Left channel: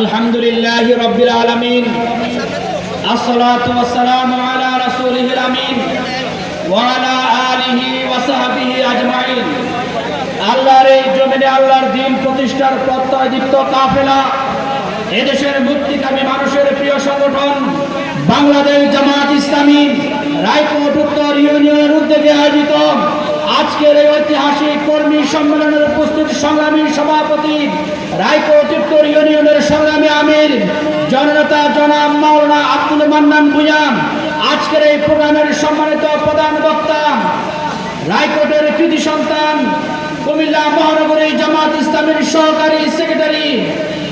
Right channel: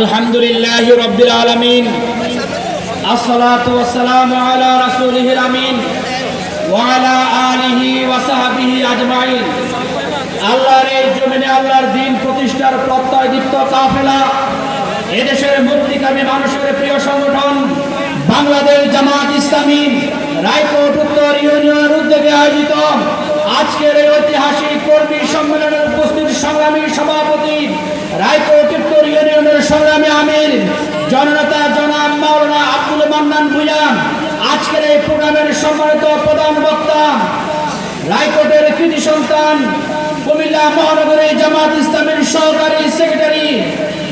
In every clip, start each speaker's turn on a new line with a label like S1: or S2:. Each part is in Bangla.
S1: আলহামদুলিল্লাহ রব্বিল আসসালাতু ওয়াসসালামু আলা রাসূলিহিল আমিন ওয়া আলা আলিহি ওয়া সাহবিহি আজমাইন। আল্লাহর এই জমিনে আল্লাহর প্রতিষ্ঠার প্রত্যয় কাফেলা। এদেশের মুক্তিকামী মানুষের প্রিয় সংগঠন বাংলাদেশ জামাত ইসলামী রায়পুর উত্তর ইউনিয়নের উদ্যোগে আয়োজিত আজকের এই ঐতিহাসিক কর্মী সম্মেলনের উপস্থিত সংগ্রামী সভাপতি রায়পুর জননেতা জনাব মাওলানা আব্দুল মান্নান ভুঁইয়া আজকের এই প্রোগ্রামের সম্মানিত প্রধান বক্তা, রায়কোটের কৃতি সন্তান, কুমিল্লা মহানগরী জামাত ইসলামের সহকারী সেক্রেটারি,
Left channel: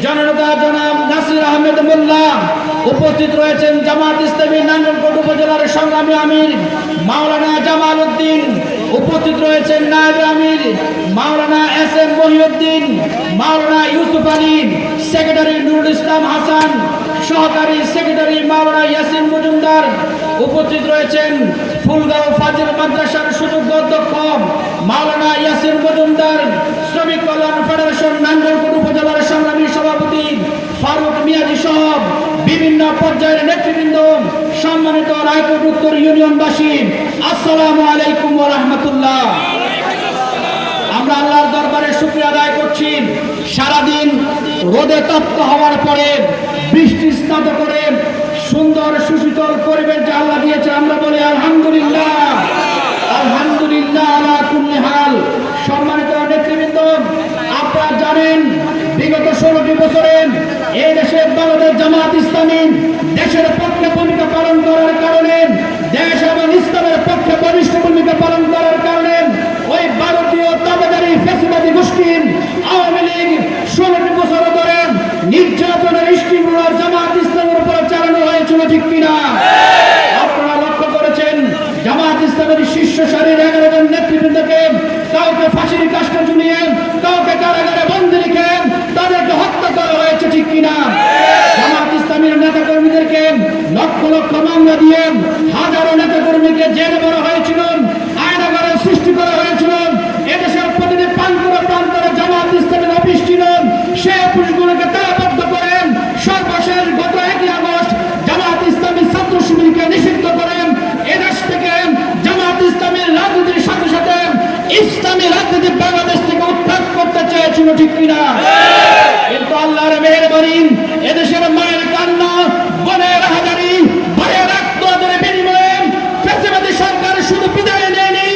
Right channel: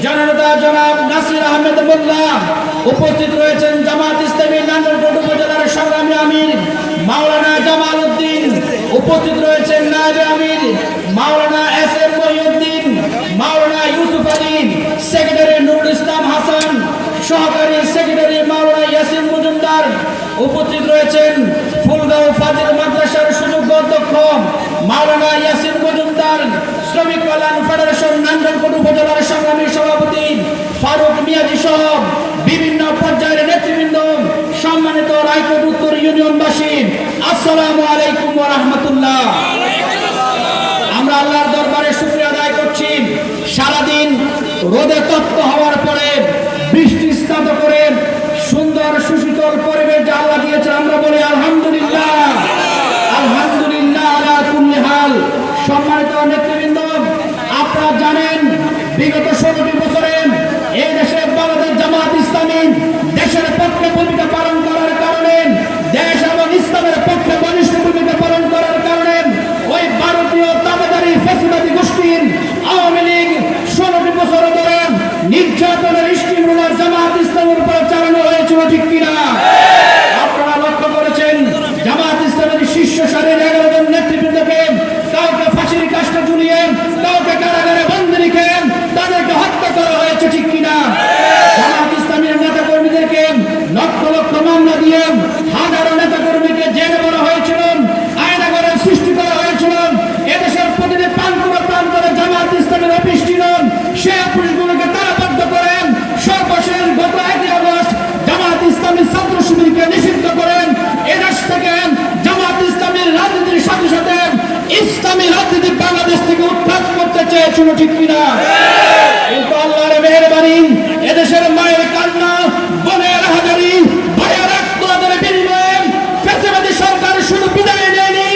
S1: জননেতা জনাব নাসির আহমেদ মোল্লা, উপস্থিত রয়েছেন জামাত ইসলামী নাঙ্গলকোট উপজেলার সংগ্রামী আমির মাওলানা জামাল উদ্দিন, উপস্থিত রয়েছেন নায়েব আমির মাওলানা এস এম মহিউদ্দিন, মাওলানা ইউসুফ আলী, সেক্রেটারি নুরুল ইসলাম হাসান সহকারী সেক্রেটারি মাওলানা ইয়াসিন মজুমদার উপস্থিত রয়েছেন ফুলগাঁও ফাজিল মাদ্রাসার সুযোগ্য অধ্যক্ষ মাওলানা ইয়াসিন মজুমদার, শ্রমিক কল্যাণ ফেডারেশন নাঙ্গলকোট উপজেলার সংগ্রামী সভাপতি ফারুক মিয়াজি সহ বিভিন্ন পর্যায়ের নেতৃবৃন্দ, সম্মানিত রায়কোট উত্তর ইউনিয়নবাসী, আসসালামু আলাইকুম রাহমাতুল্লাহ। আমরা আল্লাহর দরবারে শুকরিয়া আদায় করছি। সারাদিন রোদে তপ্ত হওয়ার পরে বৃষ্টি স্নাত করে সুন্দর সুশীতল পরিবেশ যে আল্লাহ দিয়েছেন, আমরা বলি আলহামদুলিল্লাহ। আলহামদুলিল্লাহ আলা কুল্লি সম্মানিত নেতৃবৃন্দ, আপনারা জানেন বিগত ষোলোটি বছরে এই দেশে বাংলাদেশ জামাত ইসলামী দেশের পক্ষে ভূমিকা পালন করার কারণে, দেশ এবং ইসলামের পক্ষে বলিষ্ঠ ভূমিকা পালন করার কারণে ওই ভারতীয় দাবেদারি ফেসিবাদী গোষ্ঠীর আওয়ামী লীগ ষোলোটি বছর ধরে নির্যাতনের রুলার জামাত ইসলামের উপর চালানো হয়েছিল ঠিক কিনা? আপনারা লক্ষ্য করেছেন, জামাত ইসলামের শীর্ষ সারির এগারো জন নেতৃবৃন্দকে কাউকে ফাঁসির কাজটা ঝুলিয়ে, কাউকে কারাগারে বন্ধ রেখে তাদেরকে হত্যা করা হয়েছে ঠিক কিনা জামাত ইসলামের নেতা কর্মীদেরকে লক্ষ লক্ষ মামলা দিয়ে হাজারো নেতা কর্মীকে জেলে করা হয়েছিল আয়নাগরের সৃষ্টি করা হয়েছিল এদেশের প্রতিটি প্রান্তরে প্রান্তরে জামাত ইসলামের অফিস ছিল সে অফিসগুলোকে তারাবদ্ধ করে সর্বশেষ গত একই আগস্ট জামাত ইসলামের ছাত্র শিবিরকে নিষিদ্ধ করেন এদেশ থেকে জামাত ইসলামের রাজনীতির সাথে সাথে ইসলামী রাজনীতি বাংলাদেশ থেকে উৎখাত করতে চেয়েছিল ঠিক কিনা কিন্তু আল্লাহর মেহরবানি এদেশের মায়ের কান্না বনের হাজারি ভাইয়ের রক্তের বিনিময়ে ফেসিবাদী সরকার শুধু বিদায় নেয়নি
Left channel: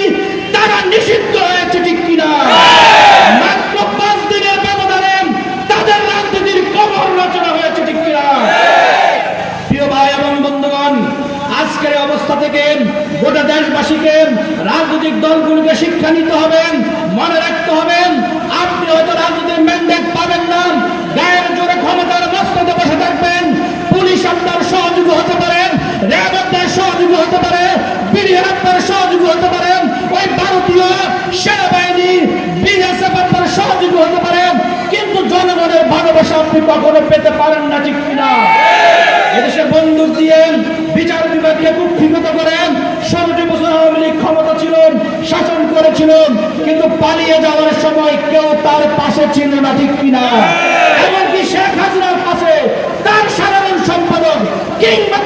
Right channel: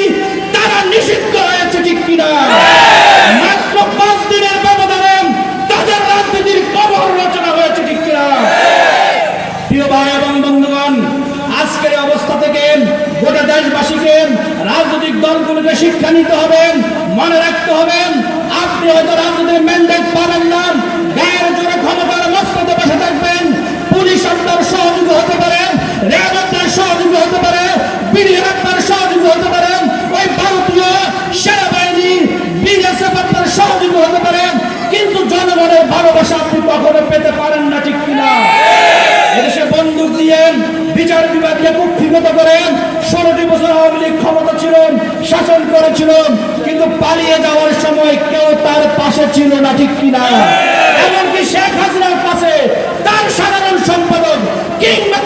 S1: তারা নিষিদ্ধ হয়েছে ঠিক কিনা মাত্র পাঁচ দিনের ব্যবধানে তাদের রাজনীতির কবর রচনা হয়েছে ঠিক কিনা প্রিয় ভাই এবং বন্ধুগণ আজকের এই অবস্থা থেকে গোটা দেশবাসীকে রাজনৈতিক দলগুলোকে শিক্ষা নিতে হবে মনে রাখতে হবে আপনি হয়তো রাজনীতির ম্যান্ডেট পাবেন না গায়ের জোরে ক্ষমতার মস্তকে বসে থাকবেন পুলিশ আপনার সহযোগী হতে পারে র্যাব আপনার সহযোগী হতে পারে বিডিআর আপনার সহযোগী হতে পারে ওই ভারতীয় সেনাবাহিনী বিএসএফ আপনার সহযোগী হতে পারে কিন্তু জনগণের ভালোবাসা আপনি কখনো পেতে পারেন না, ঠিক কিনা? এদেশে বন্দুক দিয়ে বিচার বিভাগকে কুক্ষিগত করেন ষোলোটি বছর আওয়ামী লীগ ক্ষমতা ছিল শাসন করেছিল কিন্তু পালিয়ে যাওয়ার সময় কেউ তার পাশে ছিল না, ঠিক কিনা? এমনকি শেখ হাসিনার পাশে তার সাধারণ সম্পাদক কিংবা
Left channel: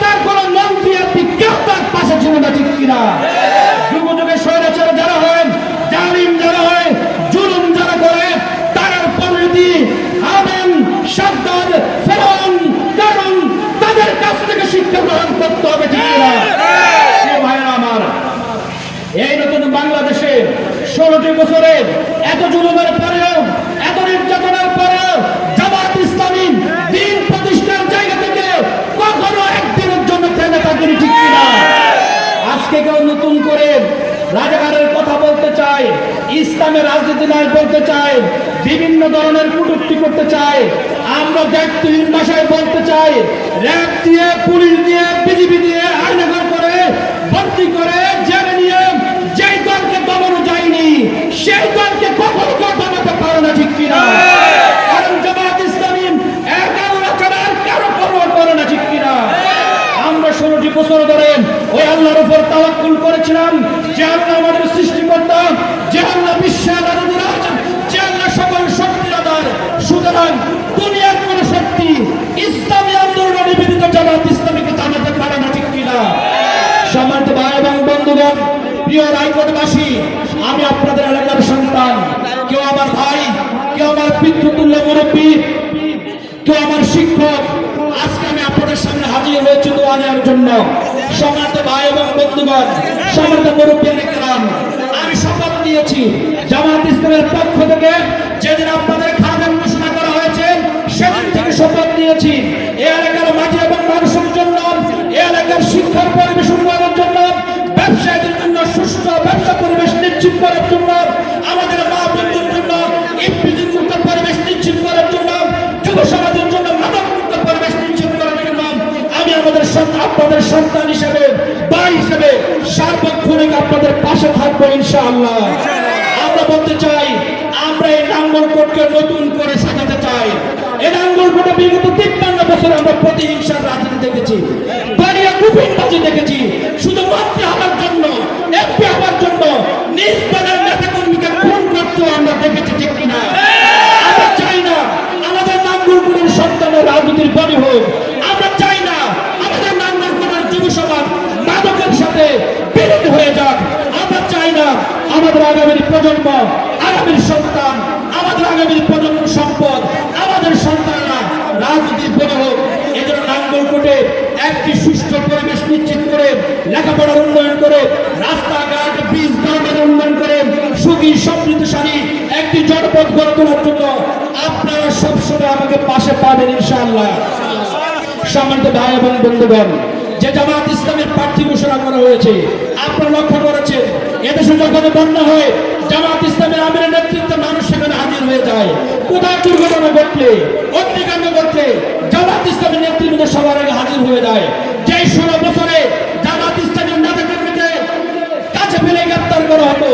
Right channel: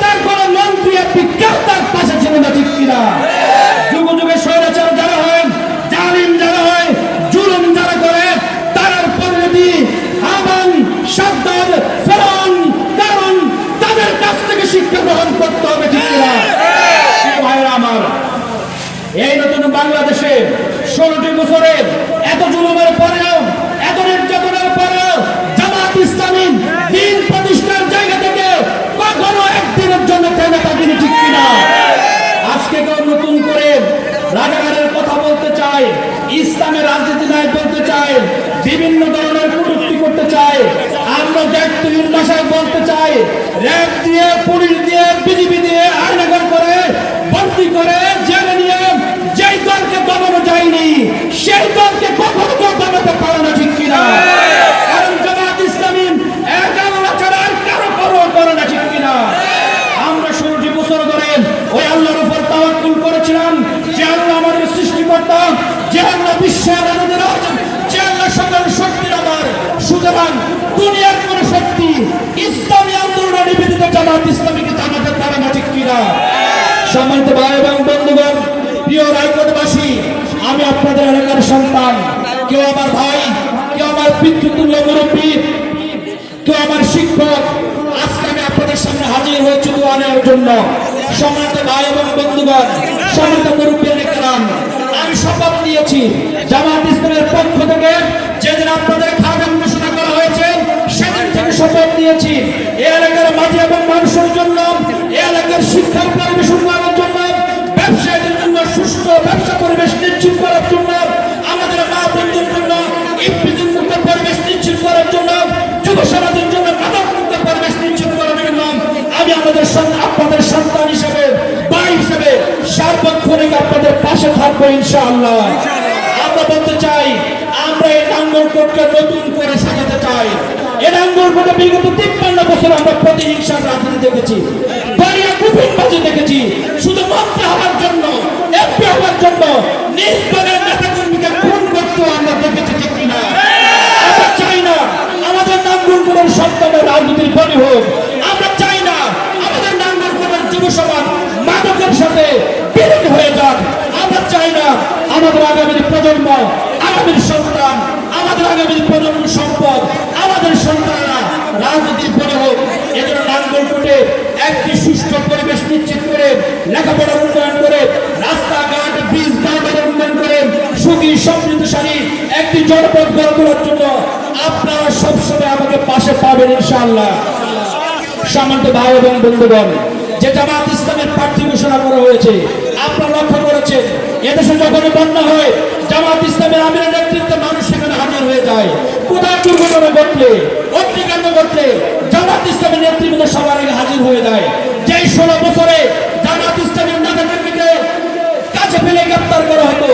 S1: করতে হবে ঠিক কিনা? ভাইয়েরা আমার, এই নতুন বাংলাদেশে ষোলোটি বছরে এত জুলুমের পরেও, এত নির্যাতনের পরেও জামাত ইসলামী দিন প্রতিষ্ঠার জায়গা থেকে কখনো একদিনের জন্য থেমে থাকেনি ঠিক কিনা? আজকে কেউ নতুন করে রাজাকারের কথা বলতে চায় ইসলামের রাজনীতি নাই বলতে চায়, বিভিন্ন ধরনের কটূক্তি করতে চায়, আমরা ব্যক্তিহীন ভাষায় বলতে চাই র্যাব দিয়ে, পুলিশ দিয়ে, বিজিবি দিয়ে আইনাগর করে, ভর্তি করে, জেলে নিয়ে, যেই দলকে দমানো যায়নি, সেই দলকে কখনো কেউ দমাতে পারে না, ঠিক কিনা? কারণ জামাত ইসলামী ছাড়া আর কারও পরোয়া করে না কিনা? আমরা ষোলোটি বছর ধরে ওই আল্লাহর উপর তাওয়াক্কুল করেছিলাম, যে আল্লাহ আমাদের সৃষ্টিকর্তা, যে আল্লাহ বিশ্বের আনন্দের যে শক্তির আধার। সুতরাং দুনিয়ার কোন শক্তি পার্টি ইসলামী আন্দোলনে নিবেদিত জামাত ইসলামীকে জানাতে পারে না ঠিক কিনা? সম্মানিত ভাই এবং বন্ধুগণ, প্রিয় রায়কোটবাসী আমি আপনাদের এলাকার সন্তান। কেউ আমার ভাই, কেউ আমার পিতৃতুল্য মুরব্বী, কেউ আমার শিক্ষক। আজকে আমি আপনাদের সামনে হাজির হয়েছি দোয়া নেওয়ার জন্য। সম্মানিত ভাই এবং বন্ধুগণ, সম্মানিত মুরব্বী আমি শপথ নিয়েছি জামাত ইসলামের পক্ষ থেকে, যেদিন আপনাদের শপথ নিয়েছি। এই এলাকার মাঝে এবং মানুষের জন্য এই এলাকার শিক্ষার পরিবেশ উন্নয়নের জন্য, ব্যবসায়ীদের জন্য সুস্থ ব্যবসা পরিবেশ নিশ্চিত করার জন্য, আমাদের মা বন্ধুর জন্য পরিবেশ নিশ্চিত করার জন্য, যুব সমাজের জন্য মাদক পরিবেশ নিশ্চিত করার জন্য, আমি আমাদের আপনাদের সন্তান হিসেবে, ভাই হিসেবে সার্বক্ষণিক আপনাদের পাশে থাকব ইনশাআল্লাহ। আমরা বলতে চাই, আমরা এই নাঙ্গল কোটকে নতুন করে সাজাতে চাই। আমরা হওয়ার জন্য দেখেছি আমাদের রাজনীতির বলি হোক। আমরা চাই না আমাদের সাথে হয়ে যাক। চাই না আমাদের আগামী প্রজন্ম, আগামীর সন্তান, আমাদের আগামী প্রজন্ম সম্পদ আমাদের সন্তানরা রাজনীতির বলি হোক এজন্য নাঙ্গলকোটে একটি সুষ্ঠু পরিবেশ নিশ্চিত করে লেখাপড়ার উন্নয়ন করে, রাস্তাঘাট ব্রিজ উন্নয়ন করে, সুখী, সমৃদ্ধশালী একটি জনপদ গড়ে তোলার জন্য আপনারা সবসময় আমাকে পাশে পাবেন ইনশাআল্লাহ। ভাই এবং বন্ধুগণ, যে জামাত ইসলামের প্রার্থী ঘোষণা করা হয়েছে, আপনারা লক্ষ্য করেছেন, এদেশে যখন হয়, জামাত ইসলামের আমিরের নেতৃত্বে মানুষ সেখানে হাজির হয়ে যায়। কোথায় দুর্ঘটনা ঘটলে, অগ্নিকাণ্ড ঘটলে, জামাত ইসলামের নেতৃত্ব সবার আগে হাজির হয়ে যায়। যেই ষোলো বছরে গ্রেপ্তার করা হতো,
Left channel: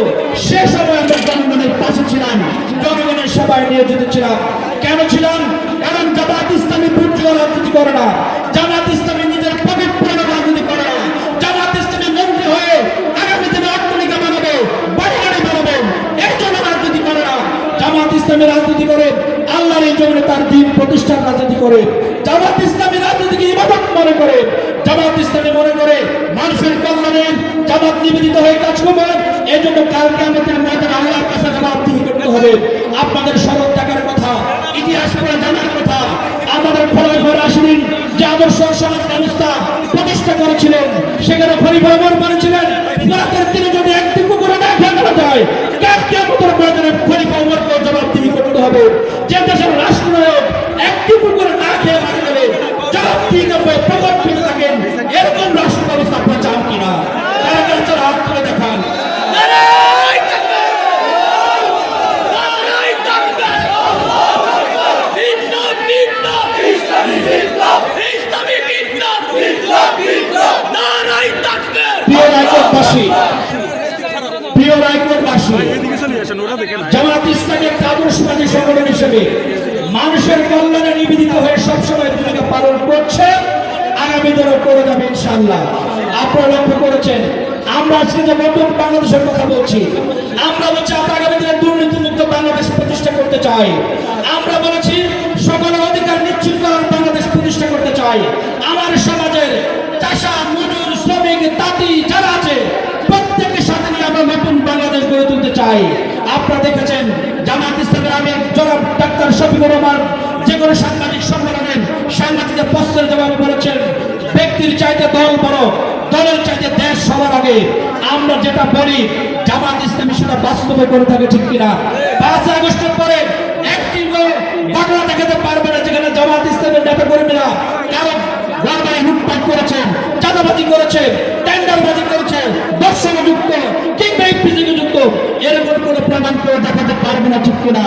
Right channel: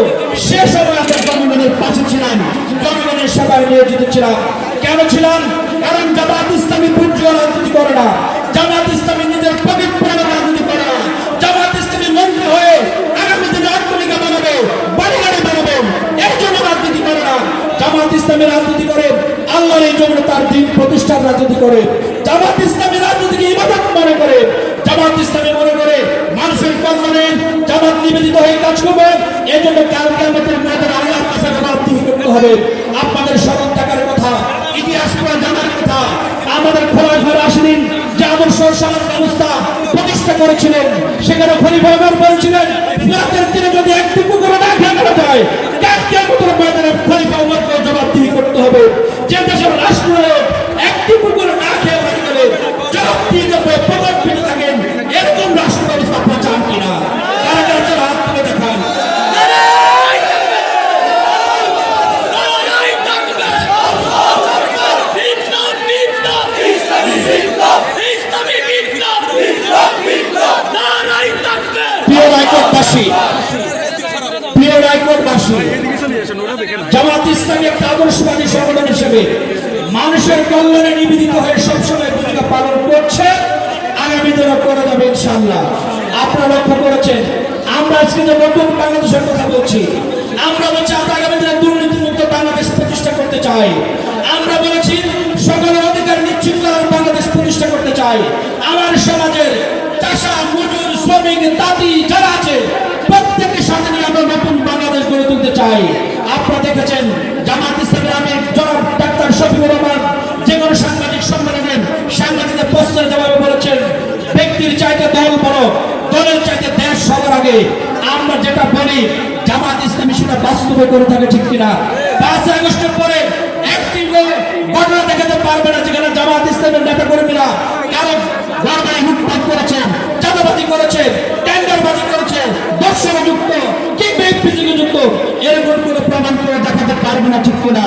S1: সে সময় আমরা জনগণের পাশে ছিলাম, জনগণের সেবায় নিয়োজিত ছিলাম। কেন ছিলাম? কারণ জামাত ইসলামী বুর্জুয়া রাজনীতি করে না জামাত ইসলামী নিজের পকেট পুরানো রাজনীতি করে না। জামাত ইসলামী মন্ত্রী হয়ে আগামী দিনে অট্টালিকা বানাবে বাড়ি গাড়ি বানাবে, এই জন্য রাজনীতি করে না। জামাত ইসলামী রাজনীতি করে, আল্লাহর এই জন্য তার দিন প্রতিষ্ঠার রাজনীতি করে। জামাত ইসলামী রাজনীতিকে ইবাদত মনে করে জামাত ইসলামী মনে করে মানুষের কল্যাণে জামাত নিবেদিত হয়ে কাজ করবে। এই জন্য কালকে আমাদের ময়দানে আল্লাহর কাছে জবাবদিহি করতে হবে। আপনাদের স্মরণ থাকার কথা, ইতিহাস করে জানার কথা, আমাদের খোলা ঘর আসেন, যে আদর্শ সমাজ ব্যবস্থা প্রতিষ্ঠা করেছিলেন, সেখানে খলিফা ওমর বলেছিলেন রাতের দিনে যদি একটি পুকুরে না খেয়ে মারা যায় কালকে আমাদের ময়দানে খলিফা ওমরকে জবাবদিহি করতে হবে। যে দেশের রাষ্ট্রনায়ক একটি পুকুরে না রায়কোটবাসী প্রিয় জামাত সংগঠন হিসেবে মানুষের কল্যাণে নিবেদিত হয়ে সবসময় ভূমিকা পালন করছে। আগামী দিনও করে যাবে ইনশাল্লাহ আপনারা লক্ষ্য করেছেন, আমরা আজকে যে নতুন বাংলাদেশের কথা বলছি, আমরা বলছি আমরা আগামী দিনে বাংলাদেশ প্রতিষ্ঠা করতে চাই। আমরা বলেছি সকলের অধিকার নিশ্চিত বাংলাদেশ প্রতিষ্ঠা করতে চাই। আমার সমাজের চাষা, মজুর শ্রমিক তাঁতি যারা আছে, প্রত্যেকের সাথে নিয়ে আমরা নতুন বাংলাদেশ গড়ে তুলতে চাই। আপনারা দেখেছেন, জামাত ইসলামের জনাব ডাক্তার শফিকুর রহমান যে কোনো সাংবাদিক সম্মেলনে সাংবাদিকদের প্রশ্নের জবাবে বলেছেন, ব্যক্তির চাইতে দল বড়, দলের চাইতে দেশ সবার আগে। আমরা যেটা বলি, জামাত ইসলামী সেটা বাস্তবে করে থাকে ঠিক কিনা? পাঁচ আগস্টের পরে একটি ঘটনা দেখাতে পারবে না যেখানে জামাত ইসলামের নেতা কর্মীরা কারও ঘর বাড়ি লুটপাট করেছেন চাঁদাবাজি করেছে টেন্ডারবাজি করেছে, দর্শনে যুক্ত, কিংবা ইপিসিকে যুক্ত, এরকম কোনো প্রমাণ করে দেখাতে পারবে না ঠিক কিনা?